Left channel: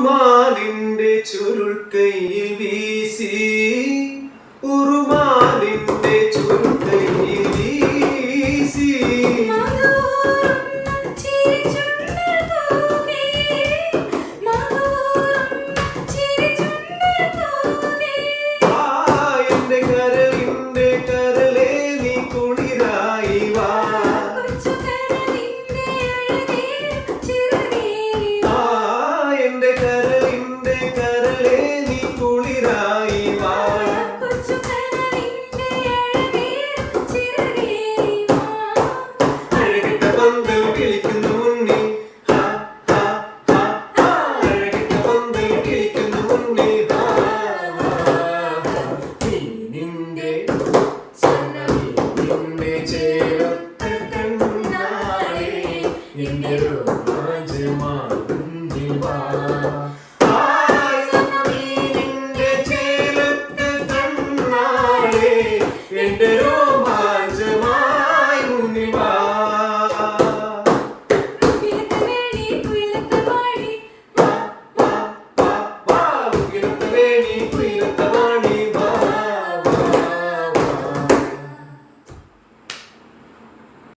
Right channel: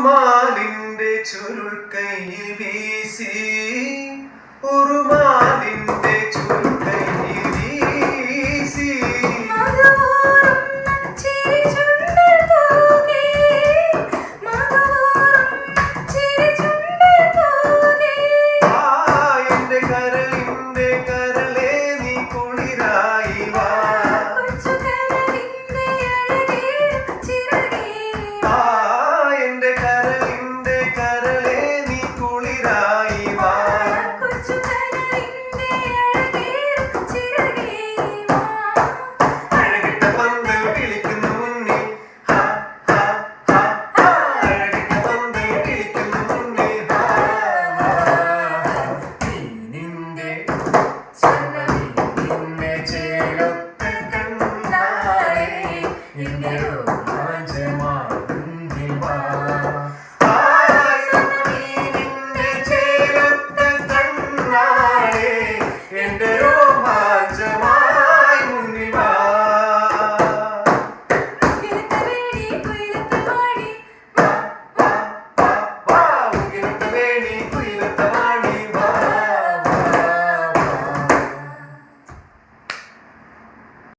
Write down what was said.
ഉറുമാലിന്റെ ചുരുൾ കൈയിൽ വീശി ഉറുമാലിന്റെ ചുരുൾ കൈയിൽ വീശി എന്റെ കരളിന്റെ കരളെ നീ കുളിരായി വാ എന്റെ കരളിന്റെ കരളെ നീ കുളിരായി വാ അഴകിട്ട പന്തൽ കിളിക്കുന്നു മുന്നിൽ അഴകിട്ട പന്തൽ കിളിക്കുന്നു മുന്നിൽ നിന്റെ നിന്നെ ചേരത്ത കണ്ണാളെ എന്റെ രോമാഞ്ചമാ